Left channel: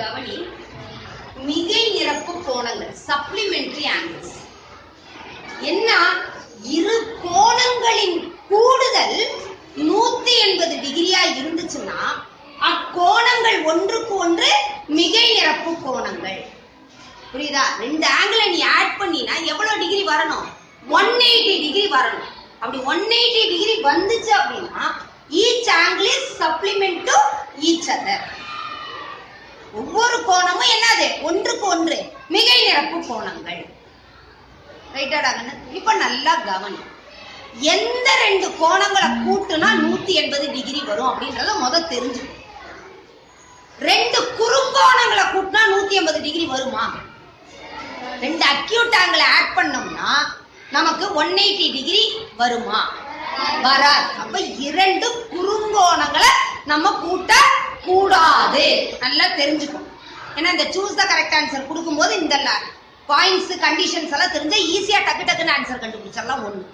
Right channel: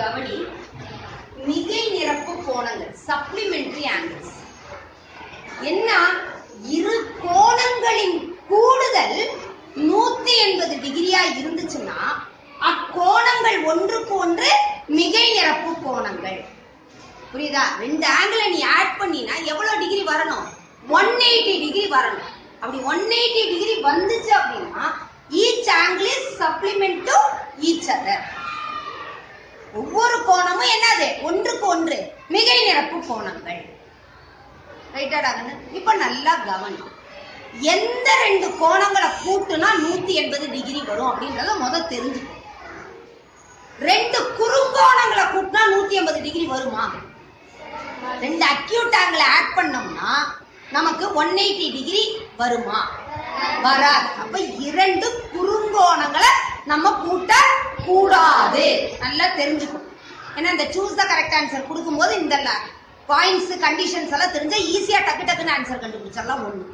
கவனி. மிகை நிரப்பு கோணங்கள் சப்ளிமெண்டரி ஆங்கிள்ஸ் என்ன? இரு கோணங்களின் கூடுதல் 180 டிகிரியா இருந்துச்சுன்னா அக்கோணங்கள் ஒன்றுக்கு ஒன்று மிகை நிரப்பு கோணங்கள். புரியுதா? ரெண்டு ஆங்கிளை நீ ஆட் பண்ணினா எவ்வளவு டிகிரி வரணும்? 180 டிகிரி வரணும். அப்படி 180 டிகிரி வந்துச்சு அப்படின்னா each angle is supplement to each other. ஒவ்வொரு கோணமும் என்னது? ஒன்றுக்கு ஒன்று மிகை நிரப்பு கோணங்கள். ரைட்டாடாங்கன்னு? இப்ப நல்லா கவனி. எந்த ரெண்டு கோணங்களை கூட்டுனா 180 டிகிரி வரும் அப்படின்றத முதல் தெரிஞ்சுக்கணும். ரெண்டு குறுங்கோணங்களை கூட்டினா 180 டிகிரி வருமா? ரெண்டு அக்யூட் ஆங்கிள் ஆட் பண்ணோம்னா நமக்கு 180 டிகிரி வருமா? வராது. அப்ப இரண்டு குறுங்கோணங்களை நம்ம கூட்ட கூடாது. நல்லா தெரிஞ்சுக்கணும். ஏன்னா இந்த சூஸ் த கரெக்ட் ஆன்சர் கொடுக்கும்போது இந்த பாயிண்ட்ஸ் கண்டிஷன்ஸ் எல்லாம் தெரிஞ்சா ஈஸியா டக்கு டக்குன்னு ஆன்சர் கண்டுபிடிச்சிடலாம். ஒண்ணு.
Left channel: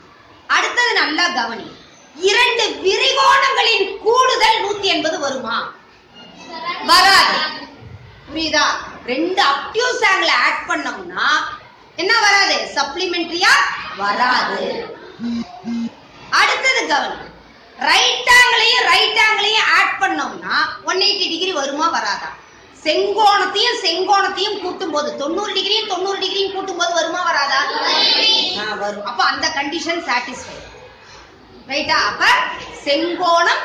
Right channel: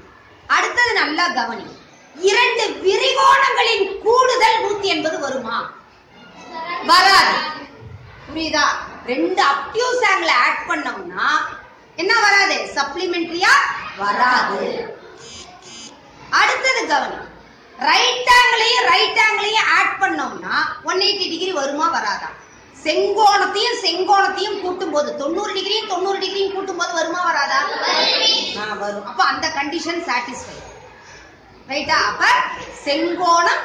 அடுத்தது நல்லா கவனி. இரண்டு விரிகோணங்களின் கூடுதல் 180 வருமா? வராது. புரியுதா? ரெண்டு அப்டியூஸ் ஆங்கிள் ஆட் பண்ணோம்னா என்ன வராது? சப்ளிமெண்டரியா வராது. அடுத்தது கவனி. ரைட் ஆங்கிளையும் ஆட் பண்ணோம்னா 180 டிகிரி வருமா? வராதா? செங்கோணத்தையும் கூட்டும் போது 90 டிகிரியும் கூட்டும் போது வருமா? வராதா? வரும். அப்ப அந்த கண்டிஷன் சாட்டிஸ்ஃபை. ரைட்டா? அப்ப செங்கோணம்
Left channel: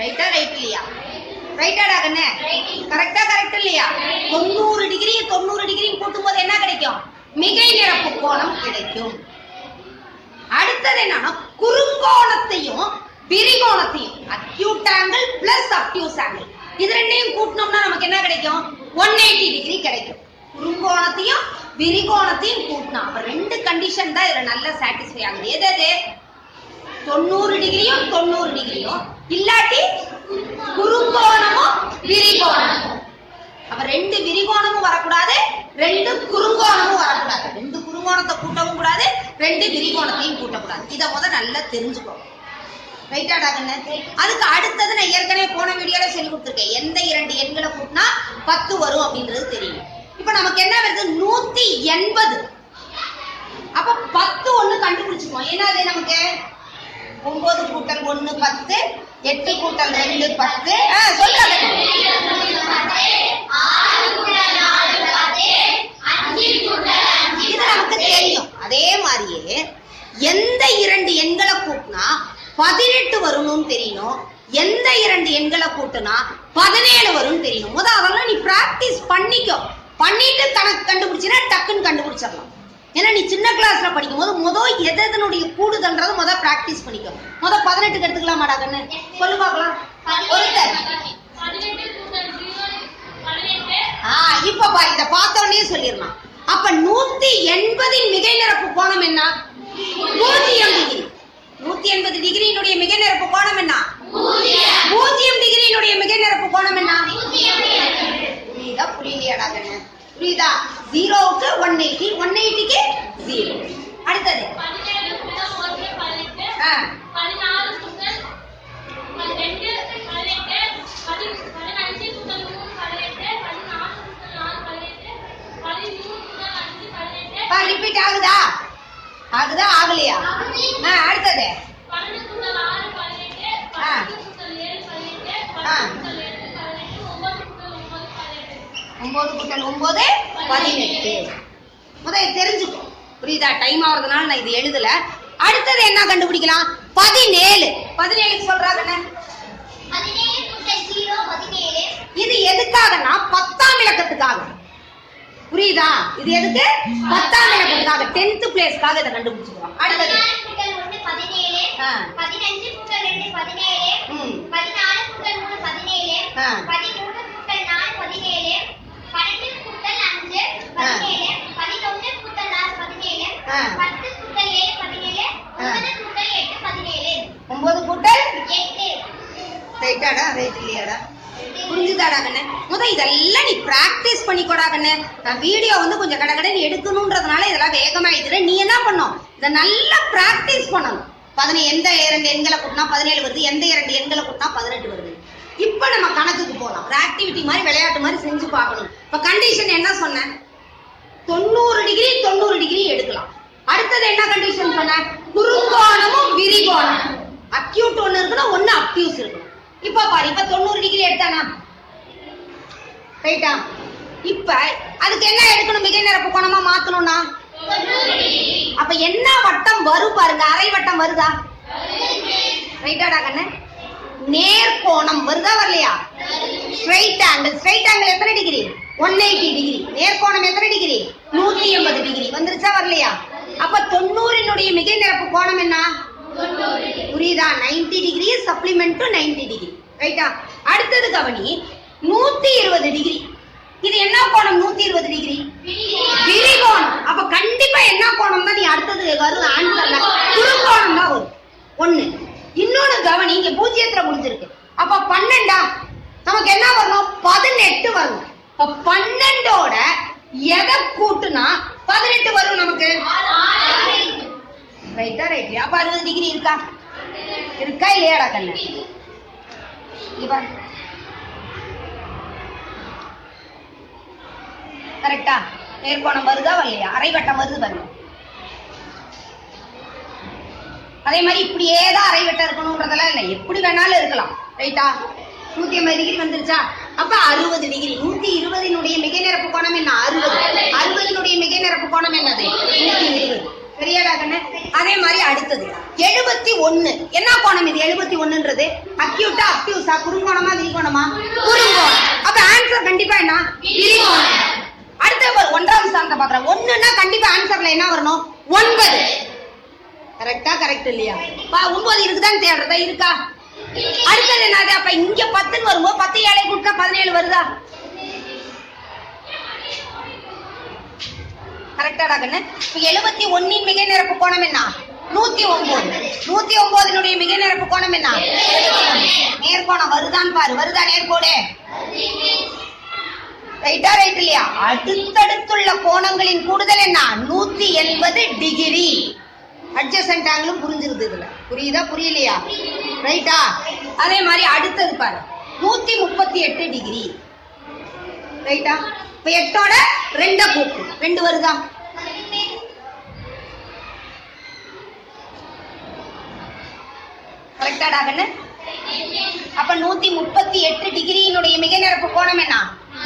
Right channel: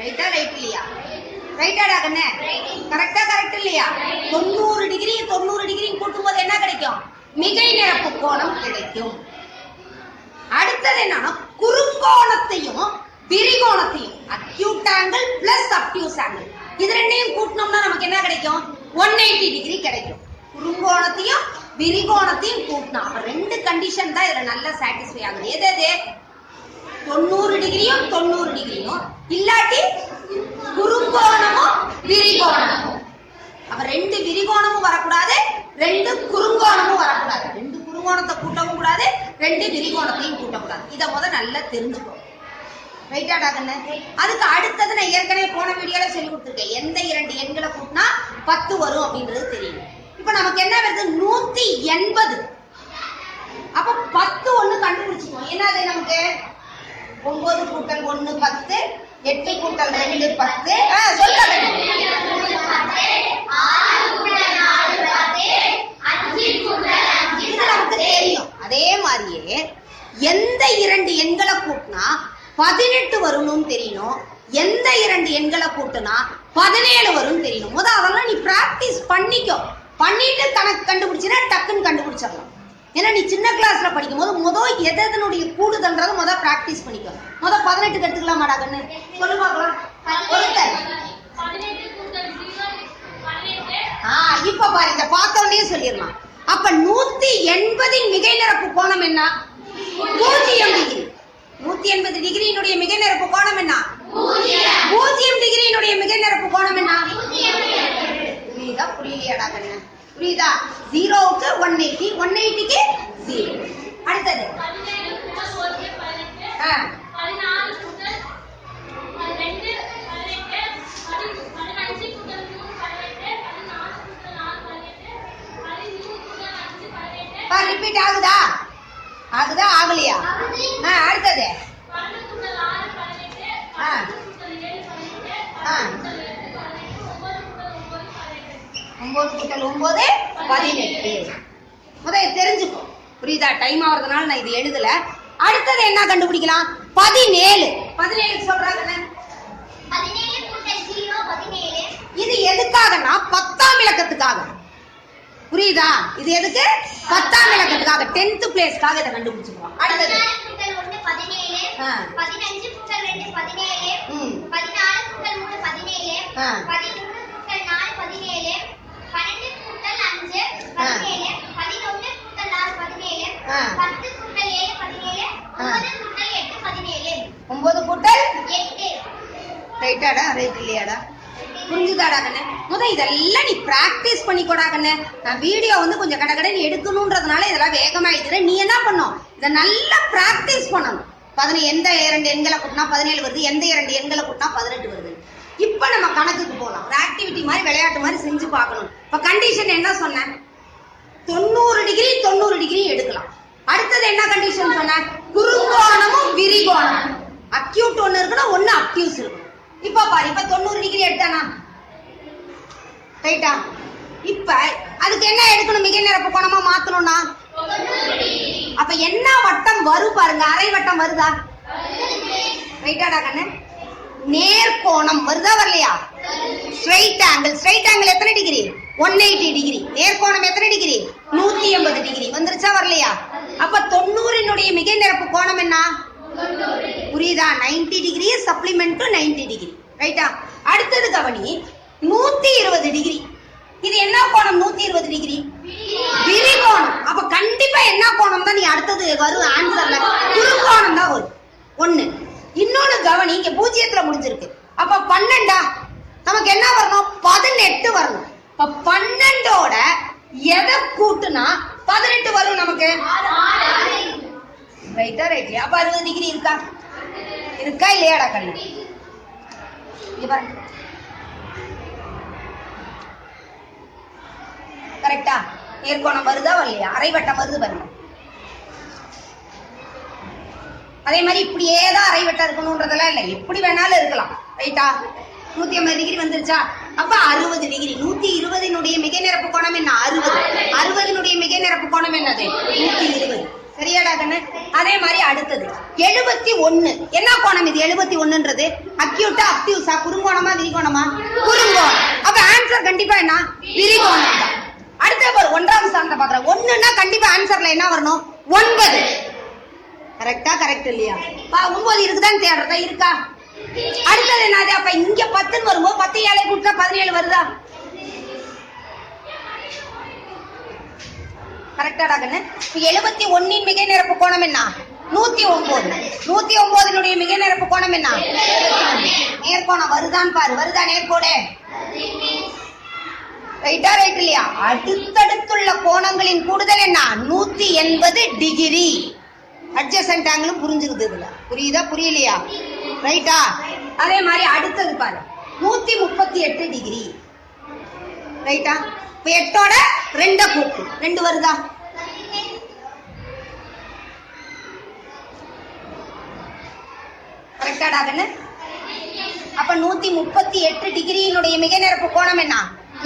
ரைட்டா? ரைட் இல்லையா? ரைட்டாடா கண்ணே? கரெக்டா? கரெக்ட் இல்லையா? 90 டிகிரியும் கூட்டும் போது என்ன கிடைக்கும்? மிகை நிரப்பு கோணம் கிடைக்கும். அடுத்தது என்னன்னா குறுங்கோணத்தையும் விரிகோணத்தையும் acute angle plus obtuse angle இது ரெண்டையும் கூட்டினோம்னா நமக்கு என்ன கிடைக்கும்? 180 டிகிரி கிடைக்கும். குறுங்கோணத்தையும் விரிகோணத்தையும் கூட்டினா அப்ப ரெண்டு கண்டிஷன் தான் இதுல நல்லா சாட்டிஸ்ஃபை ஆகுது. எது? 90 டிகிரியும் இல்லாட்டி குறுங்கோணமும் விரிகோணமும். அப்ப ரெண்டு விரிகோணமும் வரக்கூடாது, ரெண்டு குறுங்கோணமும் வரக்கூடாது. ரெண்டு குறுங்கோணத்தை கூட்டவும் கூடாது, ரெண்டு விரிகோணத்தையும் கூட்டக்கூடாது. இதை முதல் நல்லா தெரிஞ்சுக்கோ. ரைட்டாடா கண்ணு? அதுக்கு அடுத்தது நான் ஏற்கனவே போன வீடியோல சொல்லி கொடுத்துருக்கேன். எந்த இரண்டு எண்களை கூட்டினா 10 வரும் அப்படின்றது தெரியும். இப்ப நமக்கு என்ன வருது? 180. அப்ப 10 ஒண்ணு கண்டுபிடிச்சுக்குவோம். என்னது நமக்கு? 9 கூட்டல் 1 10, 8 கூட்டல் 2 10. சொல்லுங்க. இது நமக்கு தெரியும். அதே மாதிரியே எந்த இரண்டு எண்களை கூட்டினா 18 வரும்னு தெரியணும். எந்த இரண்டு எண்களை கூட்டினா 17 வரும் தெரியணும். முதல் அதெல்லாம் நீ பிராக்டிஸ் பண்ணிட்டு கணக்கு கண்டுபிடிச்சினா டக்குன்னு கண்டுபிடிச்சிடலாம். ஏன்னா நீ சின்ன கிளாஸ்ல படிக்கும் போது எதனுடைய கூடுதல்ன்றது முதல் பிராக்டிஸ் பண்ணிக்கோ. 18க்கு எடுத்துக்கலாம் மாடா கண்ணு? சொல்லு பார்க்கலாம். ஒருத்தர் இப்ப பாரு, இத பார்த்தோன்னே சொல்லிடலாம். அப்ப 180 மிகை நிரப்பு கோணம் என்ன? 0 டிகிரி. 180 டிகிரியினுடைய மிகை நிரப்பு கோணம் என்ன? 0 டிகிரியினுடைய மிகை நிரப்பு கோணம் என்ன? புரியுதா? புரியலையாடா கண்ணு? புரியுதா? 0க்கு 180, 180க்கு 0. அடுத்தது ரிப்பீட் ஆகுதா? ஆகலையா? அடுத்தது 9 கூட்டல் 9 18. முதல்ல தெரிஞ்சுக்கோ. புரியுதா? டைம் ஆகுறதுனால நான் இது எழுதல. அடுத்தது என்ன கண்டுபிடிக்கலாம்? 17 சொல்றாங்க. இது எதுக்காகனா 10ஆம் இலக்கத்துக்காக. புரியுதா? இது எதுக்கு? 10ஆம் இலக்கத்துக்காக, 10th பிளேஸ்க்காக இதை கண்டுபிடிச்சுக்கிறோம். அடுத்தது 15 கூட்டல் 2 17, 14 கூட்டல் 3 17, 13 கூட்டல் 4 17, 12 கூட்டல் 5 17, 11 கூட்டல் 6 17, 10 கூட்டல் 7 17, 9 கூட்டல் 8 17. 9 கூட்டல் 8. ரைட்டாடா? ரைட் இல்லையாடா? புரிஞ்சுதாடா கண்ணு? இதெல்லாம் நீ பிராக்டிஸ் பண்ணிக்கோடா கண்ணு. நான் வீடியோ கொஞ்சம் கடகடன்னு எடுக்கணும்ன்றதுனால இதெல்லாம் வேகமா எழுதுறேன். நீ என்ன பண்ணும்? இதை நல்லா பிராக்டிஸ் பண்ணணும். எந்த இரண்டு எண்களை கூட்டினா 17 வருது, எந்த இரண்டு எண்களை கூட்டினா 18 வருது. இப்ப நம்ம கணக்குக்கு போலாம். ஒரு ஆக்டிவிட்டி மாதிரி விளையாட்டு மாதிரி செஞ்சு பார்க்கணும். இப்ப கண்டிஷன் என்ன சொன்னேன்? 90 டிகிரி 90 டிகிரி எடுக்கலாம். அடுத்தது என்ன கண்டிஷன் சொன்னேன்? குறுங்கோணமும் விரிகோணம். அக்யூட் ஒன்னு இருக்கணும், ஒன்னு அப்டியூஸ் இருக்கணும். இப்ப பாரு, இப்ப 90 டிகிரி எடுத்தானா? ரைட்டா? இப்ப அதுக்கு என்ன எடுக்கணும்? மிகை நிரப்பு கோணமா மாத்தணும்னா அப்ப என்ன வட்டம் வரும் பாருங்க. அரை வட்டம் வருதா? ரைட்டாடா கண்ணு? நேர்கோணம் வருதா வரலையா? Straight angle. ஸ்ட்ரைட் ஆங்கிள் எத்தனை டிகிரி? 180 டிகிரி. நேர்கோணம் எத்தனை டிகிரி? 180 டிகிரி. வந்துருச்சா வரலையா? அப்ப 90 மிகை நிரப்பு கோணம் என்ன? புரியுதா? 90 டிகிரி சப்ளிமெண்ட் 90 டிகிரி. ரைட்டா? அடுத்தது கவனி, 120 டிகிரி. இது என்ன கோணம்? 120 டிகிரி விரிகோணம். அப்ப கண்டிப்பா என்ன கோணம் தான் நீ அடுத்தது வரும் ஆன்சர்ல? குறுங்கோணம் தான் வரும். ஒண்ணு. இன்னொன்னு கவனி, இங்க 0ல முடிஞ்சிருக்கு. அப்ப 12 நமக்கு என்ன வரணும்? 18 வரணும். அப்ப 12ஓட எதை கூட்டுனா 18 வரும் நமக்கு? ரைட்டா? ரைட். அப்ப 60 டிகிரி இருக்கா? இருக்கா இல்லையாடா கண்ணு? கரெக்டா? நேர்கோணம் வருதா வரலையா? அரைவட்டம் வருது பாருங்க. அதே மாதிரி இப்படியே தான் அரைவட்டம் இருக்கணும்ன்றதெல்லாம் இல்லை, எப்படி வேணாலும் இருக்கலாம். ரைட்டா? 180 டிகிரி வந்துருச்சா? அப்ப 60 டிகிரி. 120 மிகை நிரப்பு கோணம் என்ன? 60. 60 மிகை நிரப்பு கோணம் என்னது? 120. சரியாடா கண்ணு? அதே மாதிரி அடுத்தது 71. என்ன கோணம் இது? 71ன்றது அக்யூட்டா அப்டியூஸா? குறுங்கோணமா விரிகோணமா? குறுங்கோணம். அப்ப ஆன்சர் கண்டிப்பா என்ன? விரிகோணம். அடுத்த ஒரு 1ஆம் ஸ்தானத்தை பாக்குறேன். 1ன்னா கண்டிப்பா ஆன்சர்ல என்ன வரணும்? 9. கரெக்டா? கரெக்ட் இல்லையா? 9 இருக்குதான்னு தேடுறதா? இருக்கா? அடுத்தது என்னது? அப்ப இங்க 10 வரும்போது 10 ஏழை கூட்டா 17 வருதா? கரெக்டாடா கண்ணு? 71 மிகை நிரப்பு கோணம் என்ன? 109. 109 மிகை நிரப்பு கோணம் என்ன? நேர்கோணம் வருதான்னு பாரு. வருதா நேர்கோடு? ரைட்டா? ரைட் இல்லையா? அடுத்தடுத்துள்ள கோணங்களின் கூடுதல் என்ன? 180 டிகிரி. அட்ஜசன்ட் ஆங்கிளும் புரிஞ்சிருது இதுல. புரியுதா புரியலையா? ரைட்டா? அதே மாதிரி அடுத்தது பாரு, 138 டிகிரி. ரைட்டா? இப்ப 8ஓட 2 கூட்டு 2 வருதா? கரெக்டாடா கண்ணு? அப்ப 138 டிகிரியினுடைய மிகை நிரப்பு கோணம் என்ன?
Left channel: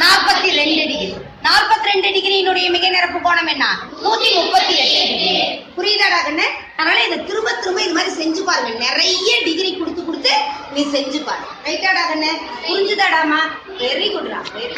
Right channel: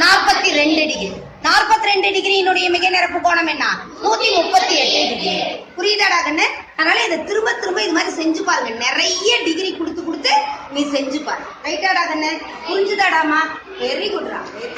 42 டிகிரி. 42 டிகிரியினுடைய மிகை நிரப்பு கோணம் என்ன? 138 டிகிரி. புரியுதாடா கண்ணு? அதனால இதை திரும்ப திரும்ப இது மாதிரி செஞ்சு பாருங்க. நிறைய டிகிரி கொடுத்து கொடுத்து நீ செஞ்சு பாரு. ரைட்டாடா கண்ணு? புரிஞ்சுதாடாமா? வெரி குட்ரா. வெரி